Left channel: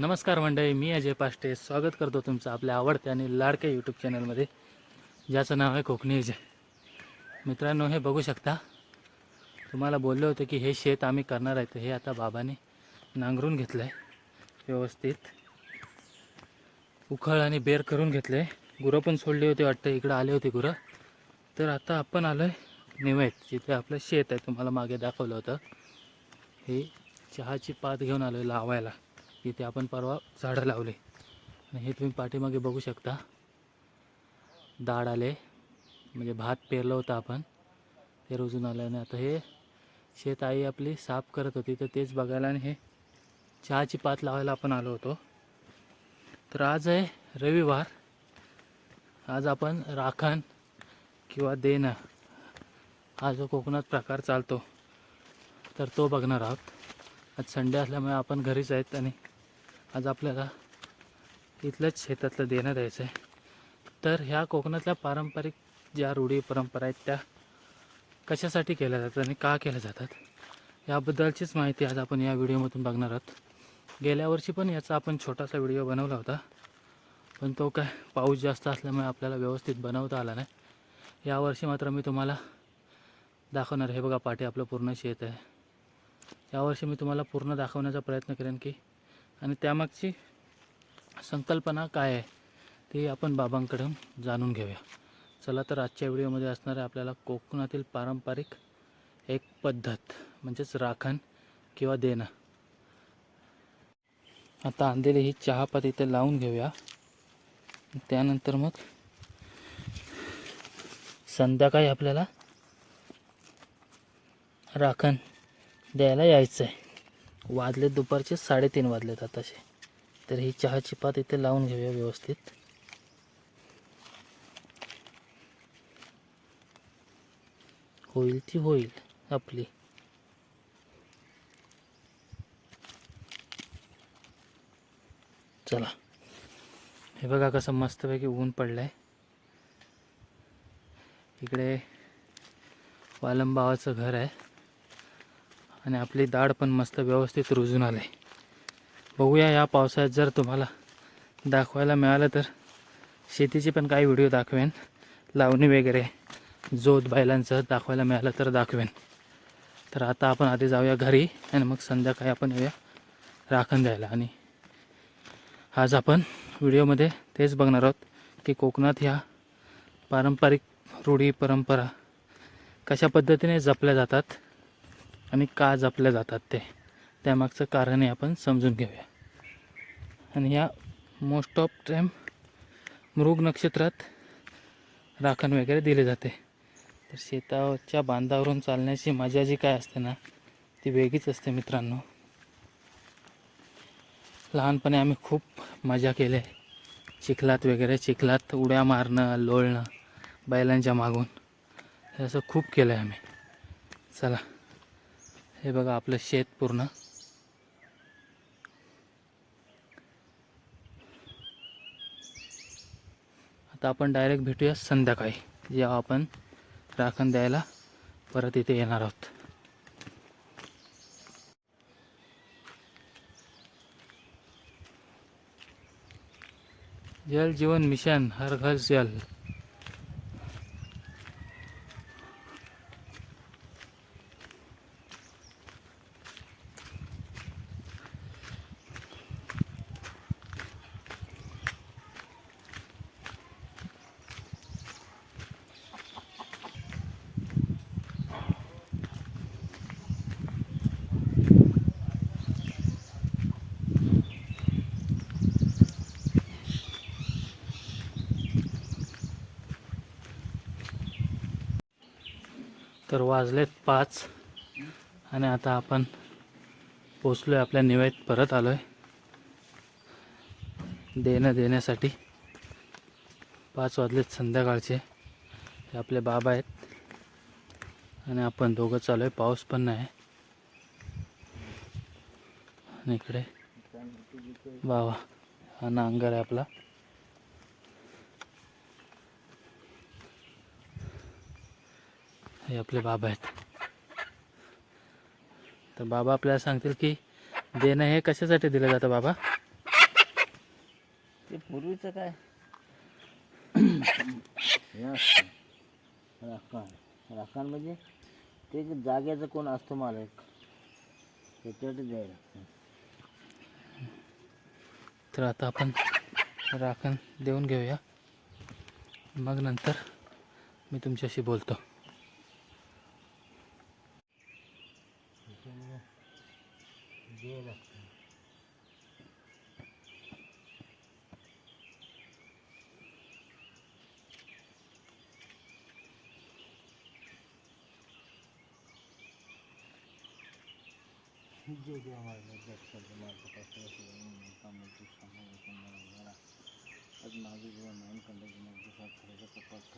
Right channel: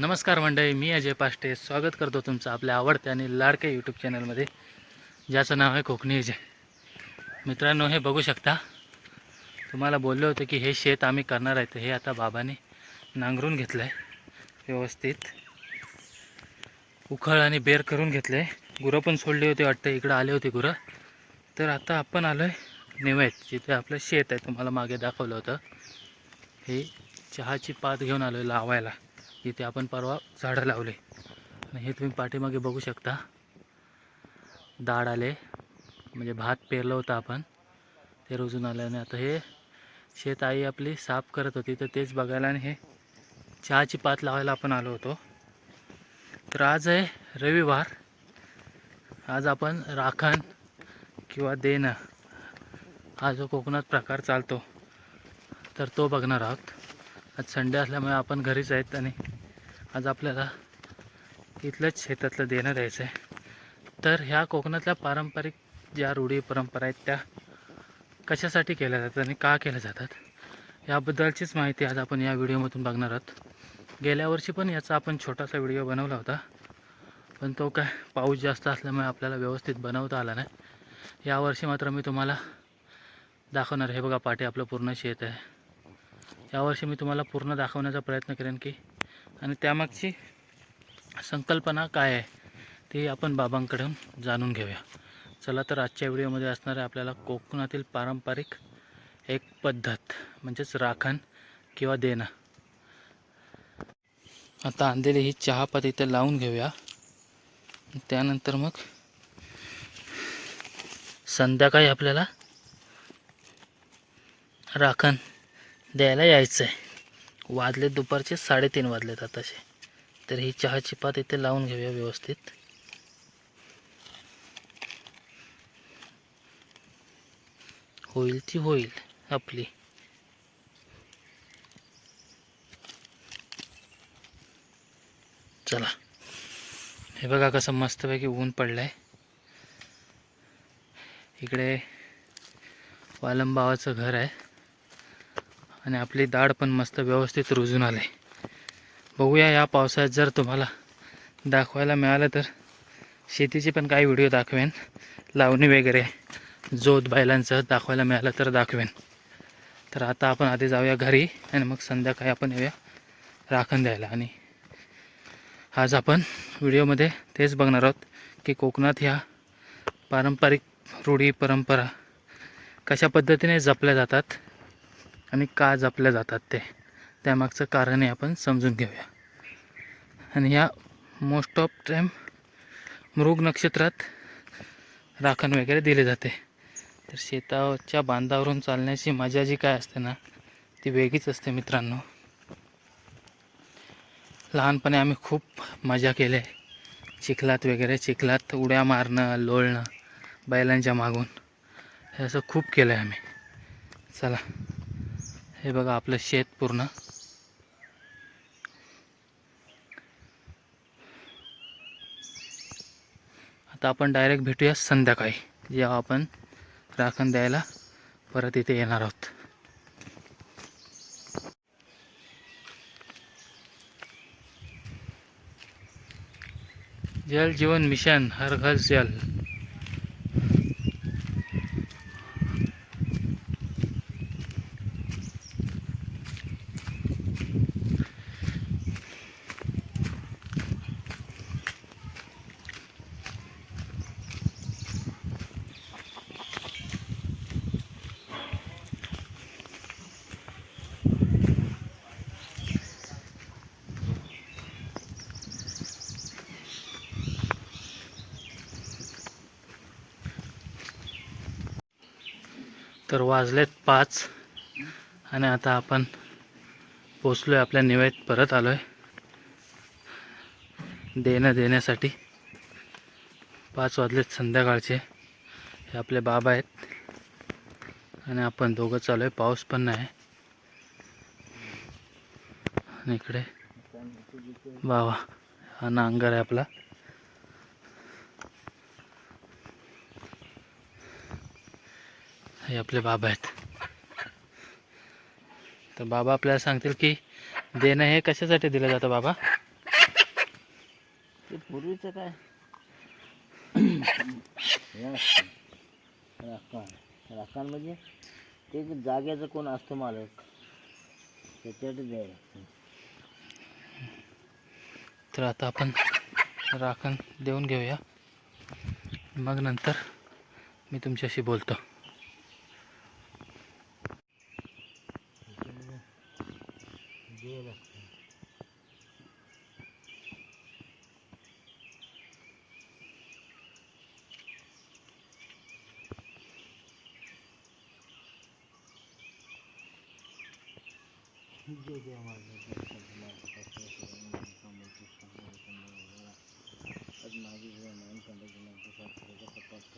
नमस्कार मंडळी मी अजय पाष्टे. स्वागत करतो तुमचं आपल्या आवडत्या आणि लाडक्या यूट्यूब चॅनलमध्ये ज्याचं नाव आहे कोकणी अजय. मित्रांनो हे बघू शकता तुम्हाला बोललो होतं की हे शेत आम्ही करणार आहे तर हे आता बाबाने नांगरून घेतलं आहे व्यवस्थित. उखळ आणि बेर करून घेतलं आहे गुरं पण सोडली होती वाटतं इकडं आले होते गुरं. तर आता आपण आलो आहे निवेत जिथे आपलं शेत आहे तुम्हाला मागे दाखवलं होतं. हे चहाची पात घेऊन आलो आहे लावायला. इथे आपण परवा झाडं लावले. आणि हे तुम्ही पाठीमागे बघू शकता. डाळ आले. म्हणजे भात पेरलं होतं आपण. ते रुजून आलं आणि आता हे शेत आई आपली साफ करत होती. तर तेच बघायला आणि हे चहाची पात लावायला आपण आलो होतो. तर आज आहे रविवार. आज आपण राखण किंवा देणं हा जो कोकणात प्रकार चालतो तर तो बघणार आहोत. आज संडे असल्यामुळे आपण घरीच आहेत आणि आज आपल्याला इथलंच शेतातलं देणं द्यायचं आहे तर ह्या कोकणातल्या पारंपरिक ज्या रूढी परंपरा आहेत त्या कशासाठी केल्या जातात आणि का केल्या जातात याबद्दलचीच माहिती आज आपण या व्हिडिओमधून बघणार आहोत. गेल्या वर्षी पण याचा आपण छोटासा व्हिडिओ बनवला होता पण तो काय पाऊस जास्त असल्यामुळे आपल्याला व्यवस्थित बनवता आला नाही. यावर्षी मात्र मी तुम्हाला दाखवणार हे बघा पाठी आपलं पूर्ण शेत आहे. यावर्षी मी तुम्हाला पूर्ण दाखवण्याचा प्रयत्न करेन की आणि त्यामागची संकल्पना काय आहे ती आपण बाबांकडून जाणून घेऊया. चला तर आजच्या व्हिडिओमध्ये असणारे आपल्याला कोकणातील पारंपरिक एक पद्धत म्हणजेच राखण किंवा देणं. आता अंधेरी ही चहापात इथे लावून घेऊया. त्यानंतर मग संध्याकाळी आपल्याला राखण द्यायला यायचं आहे वाजले दुपारचे साडेतीन वाजलेत आताचे. तर ही चहाची पात इथे लावून घेऊया व्यवस्थित. होईल ती होईल आपली. चला. हे बघा कसं मस्तपैकी ऊन पडलं आहे इकडे वालम भावाचं घर आहे. आणि आपली दाढ पण मस्त व्यवस्थित रुजून आले बघूया या पावसाळ्यात जर तुम्हाला दाखवायला मिळालं तर शेतीचे पण काही व्हिडिओ दाखवेन. लावणी वगैरे जोत बैलांचं दाखवायला मिळालं तर दाखवेन. तर आता आपण आधी जाऊया घरी आणि मग संध्याकाळी आपण येऊया राखण द्यायला. आणि आज आपण व्हिडिओमध्ये तेच बघणार आहोत की कोकणात ह्या पारंपरिक रूढी परंपरा कशा पद्धतीने जपल्या जातात आणि का जपल्या जातात ते त्यामागचं कारणही आपण समजून घेऊया. आणि ह्या मोस्ट ऑफ टाईम मृग नक्षत्रात राखण वगैरे दिले जाते. तर शेताच्या बांधावरून चालण्याची मजा जी काय असते ना ती वेगळीच असते मित्रांनो. लहानपणी आम्ही खूप मजा केली. आहे चिखलात वगैरे चिखलात उड्या मारणं लोळणं बैलांच्या मागून. हे असं खूप केलं आहे आम्ही. चला. हे बघा आपलं शेत पूर्ण. आता आपण डायरेक्ट भेटूया संध्याकाळी. जेव्हा आपण राखण द्यायला परत इथे येणार आहोत. जल जीवन मिशन हर घर जल. तर वाजलेत पाच. आणि आता आपण पोचलो आहे आपल्या निवेद परत आलो आहे देणं देण्यासाठी. पाच वाजलेत संध्याकाळचे. हे आपले बाबा आहेत. आणि आपण दोघं चालू आहे पाऊस पण नाही. आणि इकडे बाबा हा नांगर आहे आपला. हे आपले बाबा आहेत. तर बाबा आपल्याला सांगतील की देणं हे कशासाठी दिलं जातं बाबा? ते पूर्वीचं काय? राखण. राखण म्हणजे ते जागेचं कोण असतो मालक त्याच्यासाठी द्यायला. तर आता आपण राखण देऊन घेऊया. मग नंतर मी तुमच्याशी बोलतो. द्यायला लागतं. जय जय महाराज जय जय आज माझी जीवन नाही कंदाची नगदी सात करायचा कपात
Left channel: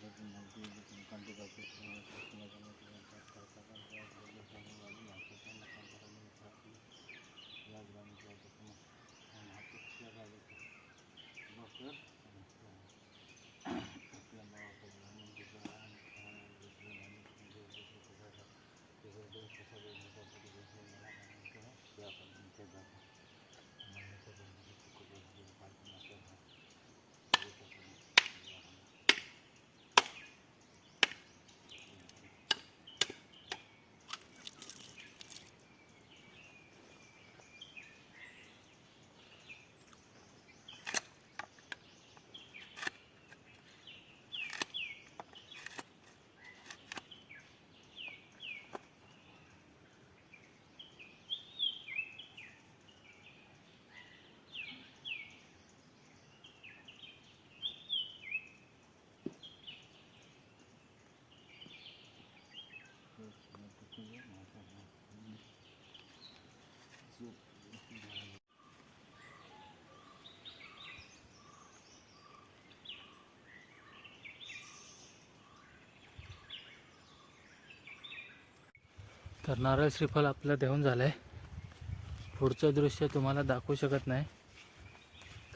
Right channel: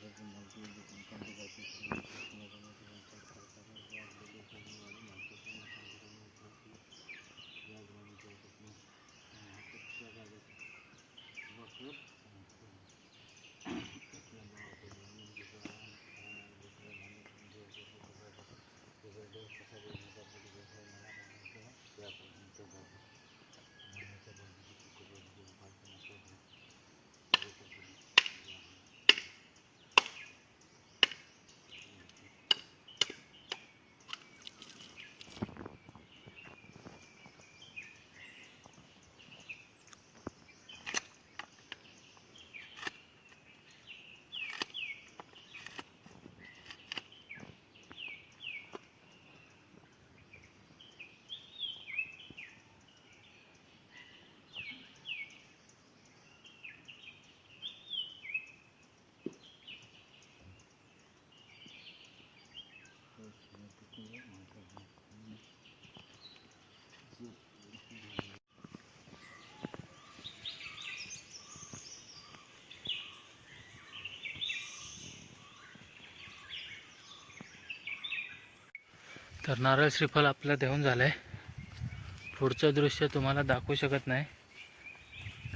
तर नारळ श्रीफल आपलं देऊन झालं आहे पुढचं दृश्य तुम्हाला दाखवू शकत नाही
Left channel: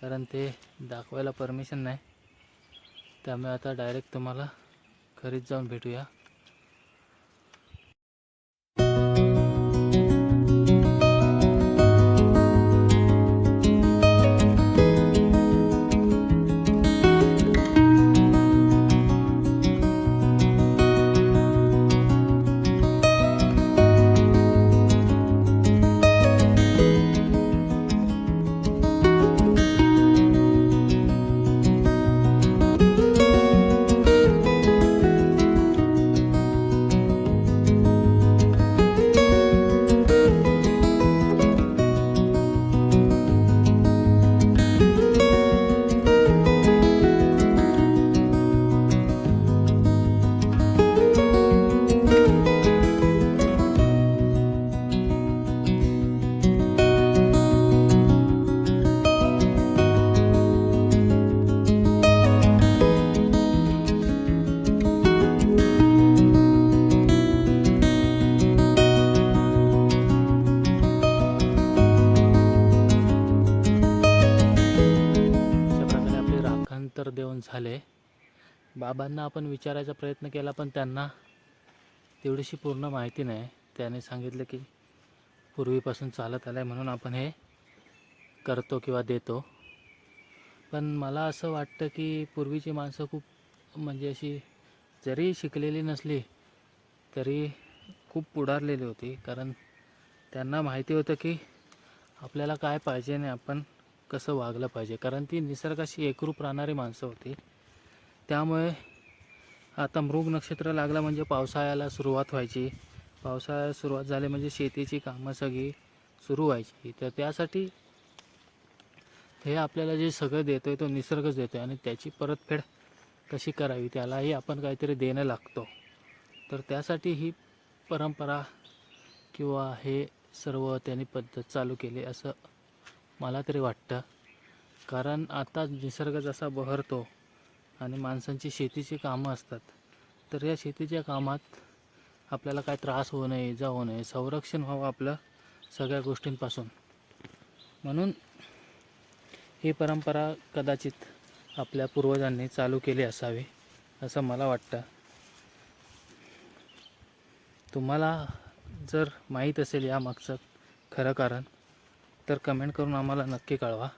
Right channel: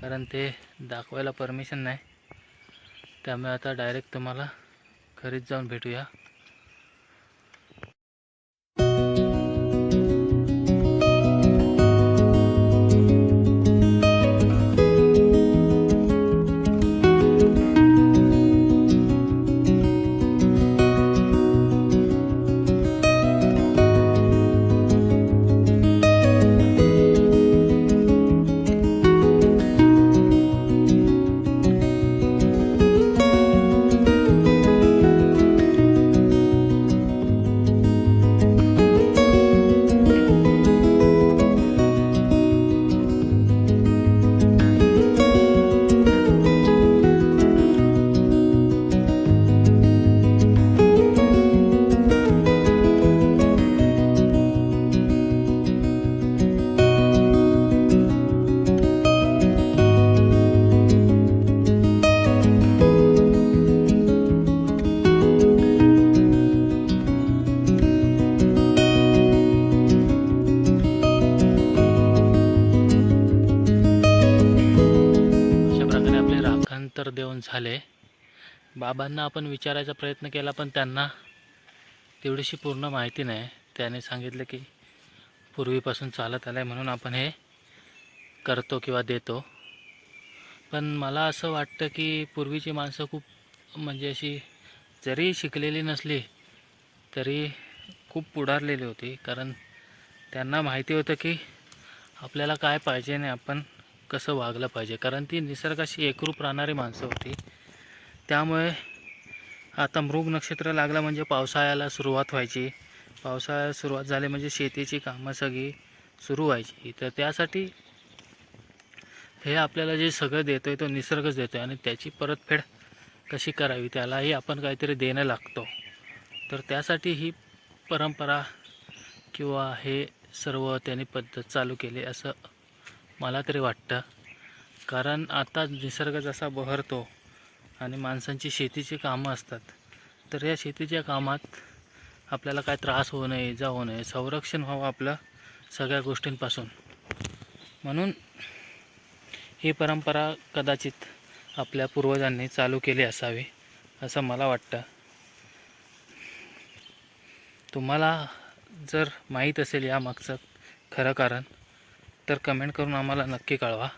कारण ते दाखवायला परमिशन नाही. त्यामुळे आता डायरेक्ट तुम्हाला घरीच जाऊन भेटूया. उत्तर देऊन झाले. बाबांना आपण विचारायचा प्रयत्न केला पण त्यांना तेवढीशी पूर्ण माहिती नाही. त्याने सांगितलं की पूर्वीपासून चालत आलं आहे म्हणून आपण हे करतो किंवा देतो. पण मला असं वाटतं की पूर्वीची माणसं खूप म्हणजे अशी जरी शिकलेली नसली तरी खूप पुढारलेली होती. कारण त्यांना माहिती होतं की आपल्याला काय पाहिजे नाही आपण कसं वागलं पाहिजे? कारण ती निसर्गाशी एकरूप राहणारी माणसं होती. त्यामुळे आता मृग नक्षत्र लागलं म्हणजे पावसाळ्याला सुरुवात व्हायची. पावसाळ्याला सुरुवात झाली म्हणजे शेतीची कामं सगळी सुरू व्हायची. तर त्यासाठी हे आपल्याला जे सगळं देतो आहे तो निसर्गच देतो आहे आणि त्याची परतफेड कशी करावी त्यालाही आपण काहीतरी देणं लागतो. तर त्यासाठी ही परंपरा किंवा हे सर्व त्यांनी पद्धत चालू केली असं मला तरी वाटतं. कारण आता निसर्ग जसा बहरतो आणि माणसांची शेतीची कामं असतात तर या शेतीच्या कामात आपल्याला काय त्रास होऊ नये इजा होऊ नये संरक्षण व्हावं आपलं सगळ्या गोष्टींपासून. म्हणून ही परंपरा कदाचित आपल्या पूर्वजांनी चालू केली असावी असं मला वाटतं. तुम्हाला जर माहीत असेल यामागचं खरं कारण तर कमेंट करून आम्हाला नक्की कळवा.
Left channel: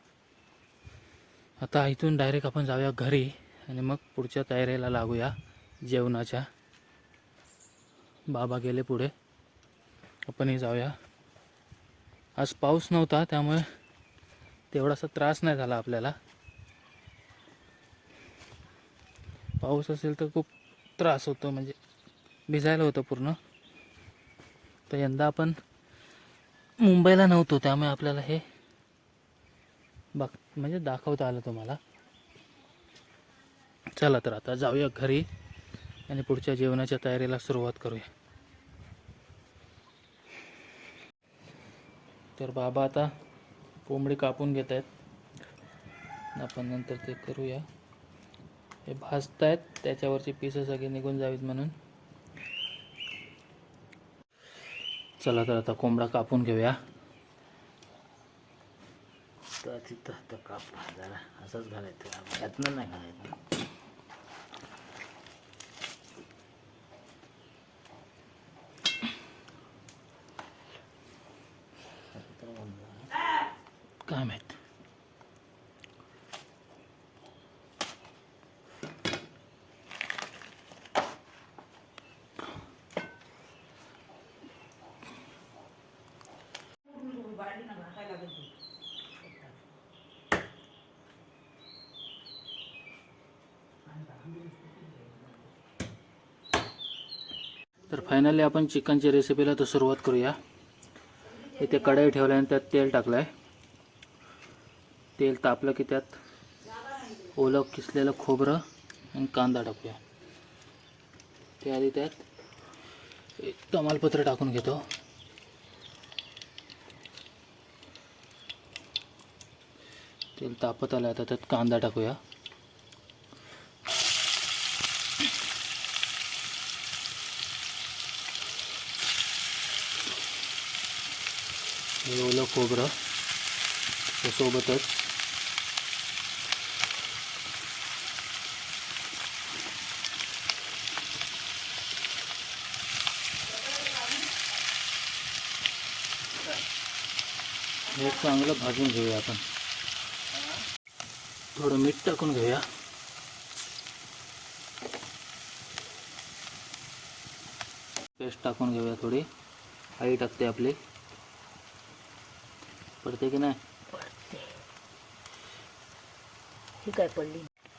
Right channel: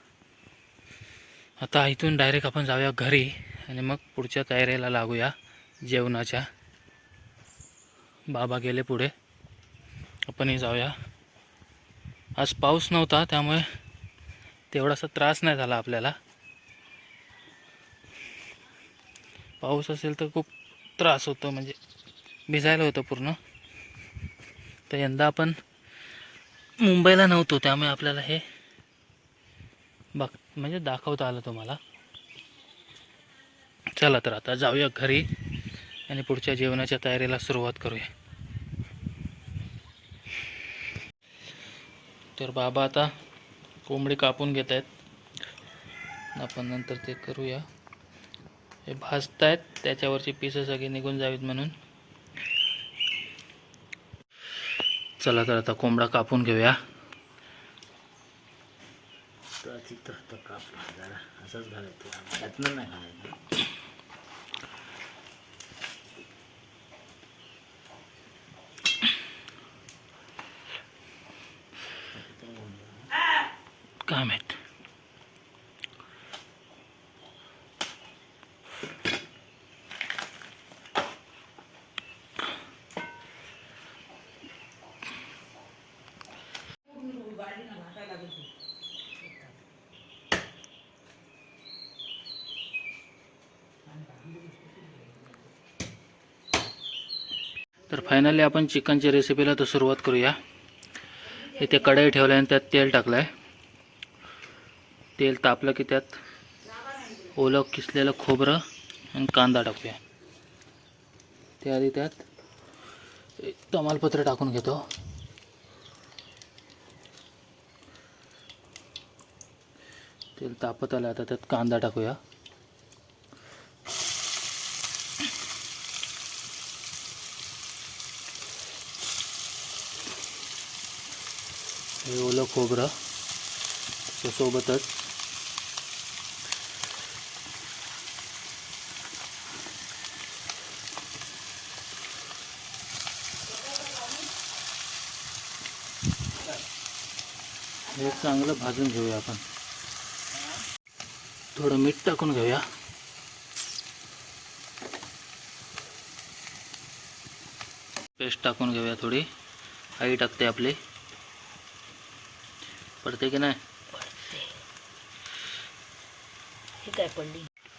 आता इथून डायरेक्ट आपण जाऊया घरी आणि मग पुढच्या तयारीला लागूया जेवणाच्या. बाबा गेले पुढे. आपणही जाऊया. आज पाऊस नव्हता त्यामुळे तेवढासा त्रास नाही झाला आपल्याला. पाऊस असेल तर खूप त्रास होतो म्हणजे भिजायला होतं पूर्ण. तर यंदा आपण मुंबईला नव्हतो त्यामुळे आपल्याला हे बघ म्हणजे दाखवता आलं तुम्हाला. चला तर आता जाऊया घरी आणि पुढच्या जेवणाच्या तयारीला सुरुवात करूया. तर बाबा आता कोंबडी कापून घेत आहेत. आपण नंतर ते करूया. हे भाजत आहेत त्याच्यावरची पीस सगळी निघून जावीत म्हणून. चला तर आता कोंबडा कापून घेऊया. तर तिथं कापला जरा असंच घालायचं. यातनं नाही घालायचं. काय माहीत? तर फायनली आपण चिकनच्या रेसिपीला तर सुरुवात करूया. इथे कढई ठेवल्या आणि त्यात तेल टाकलं आहे तेल तापलं की त्यात ओलं किसलेलं खोबरं आणि कांदा टाकूया. त्याआधी आधी त्यात तमालपत्र टाकून घेतो. तेल तापत आलं आता त्यात कांदा टाकूया हे ओलं खोबरं त्याच्यासोबतच हे चांगलं भाजून घेऊया आपण. थोडं मीठ टाकून घेऊया. पेस्ट टाकून घेऊया थोडी. आई टाकते आपली. पडते की नाही? ही काय पडली?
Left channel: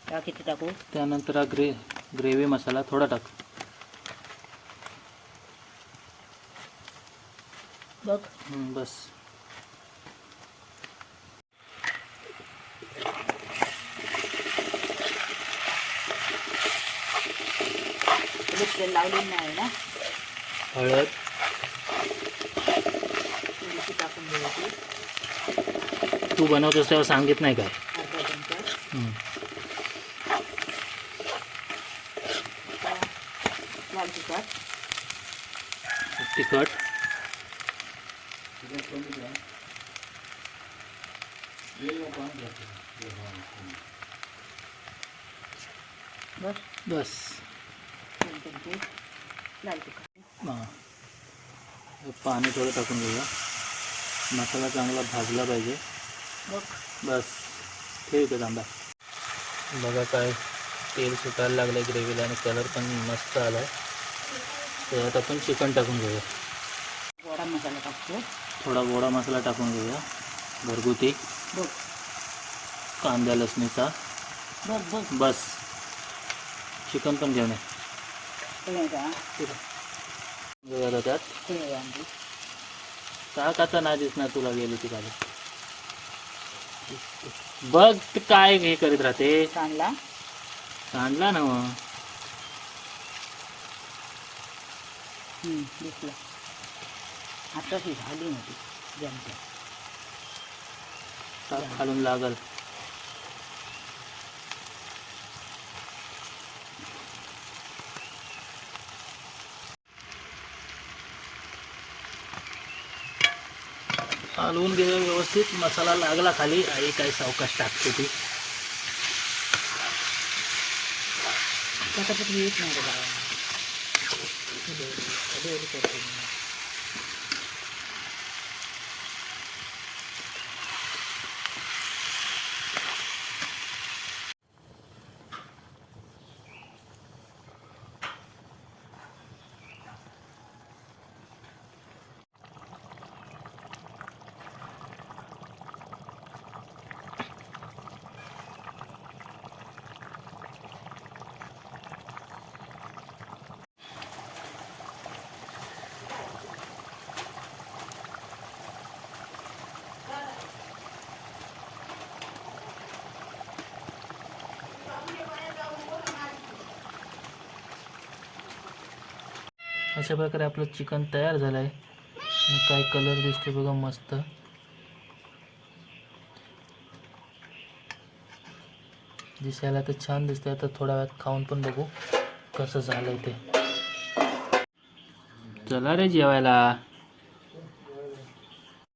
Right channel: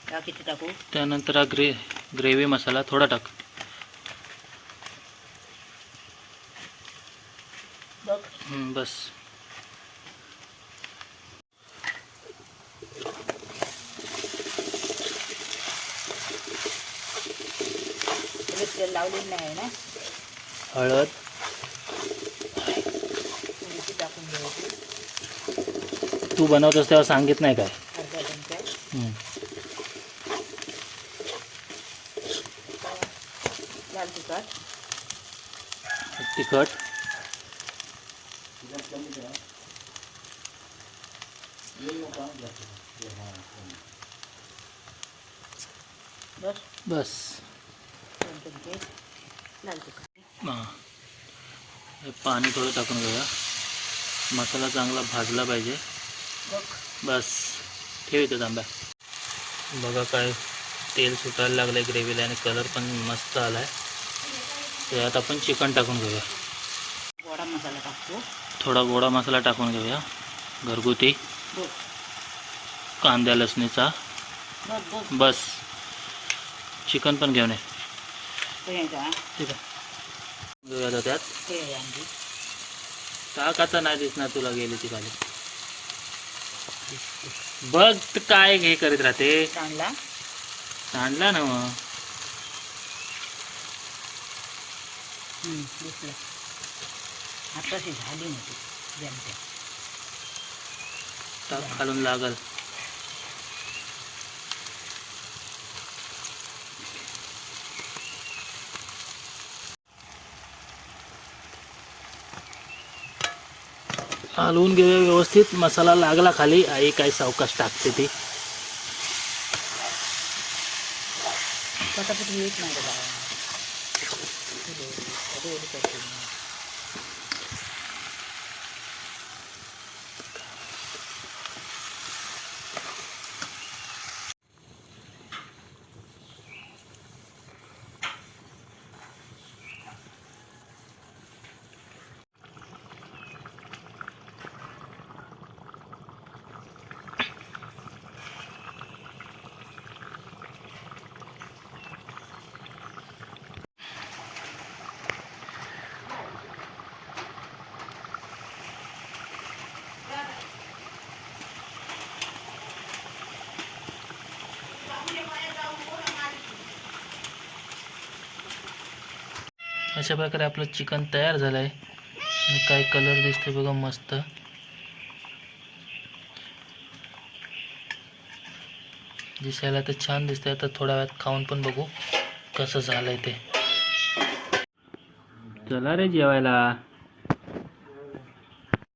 का किती टाकू? त्यानंतर हा ग्रे ग्रेव्ही मसाला थोडा टाक. बघ. हम्म, बस. तेल लावलेलं नाही ना? हळद थोडीशी टाकून द्यायची तू बनवतोस तेव्हा सांगित नाही काय? अर्धा चमचा हम्म. लाल तिखट. तिखट बस. बस दोन चमचे लाल तिखट हां. हे पाणी थोडं टाकून घेऊया. मसाला चांगला भाजला पाहिजे. बघ बस ठेव इथं तांब्या बघा काय तेल सुटायला लागलं आहे ग्रेव्हीला आणि कलर पण मस्त आला आहे त्यात आपण चिकन टाकून घेऊया. गोडा मसाला टाकतो. थोडा गोडा मसाला टाकून घेऊया. घरगुती. कांद्या लसणीचा. बस चिकन पण घेऊन घेऊया आता त्यात टाकाचा नाही दिसणार तुला गेली ती खाली. बघ तर काय हे करीत राहते. कांडला सांडला ना मग. हम्म, दिसलं. आताशी झाली नव्हती जमते टाक खालून लागल. हलवून घे व्यवस्थित. मसाला लागला खाली. आई काय सावकाश टाकते ती. पटापट येत नाही अशा प्रकारे आपलं चिकन तयार झालं आहे आणि काय कलर दिसते बघा मस्त. दिसायला तर छान दिसतंय. आता थोड्या वेळात खाऊन पण बघू कसं झालंय ते. चला रे जेवायला.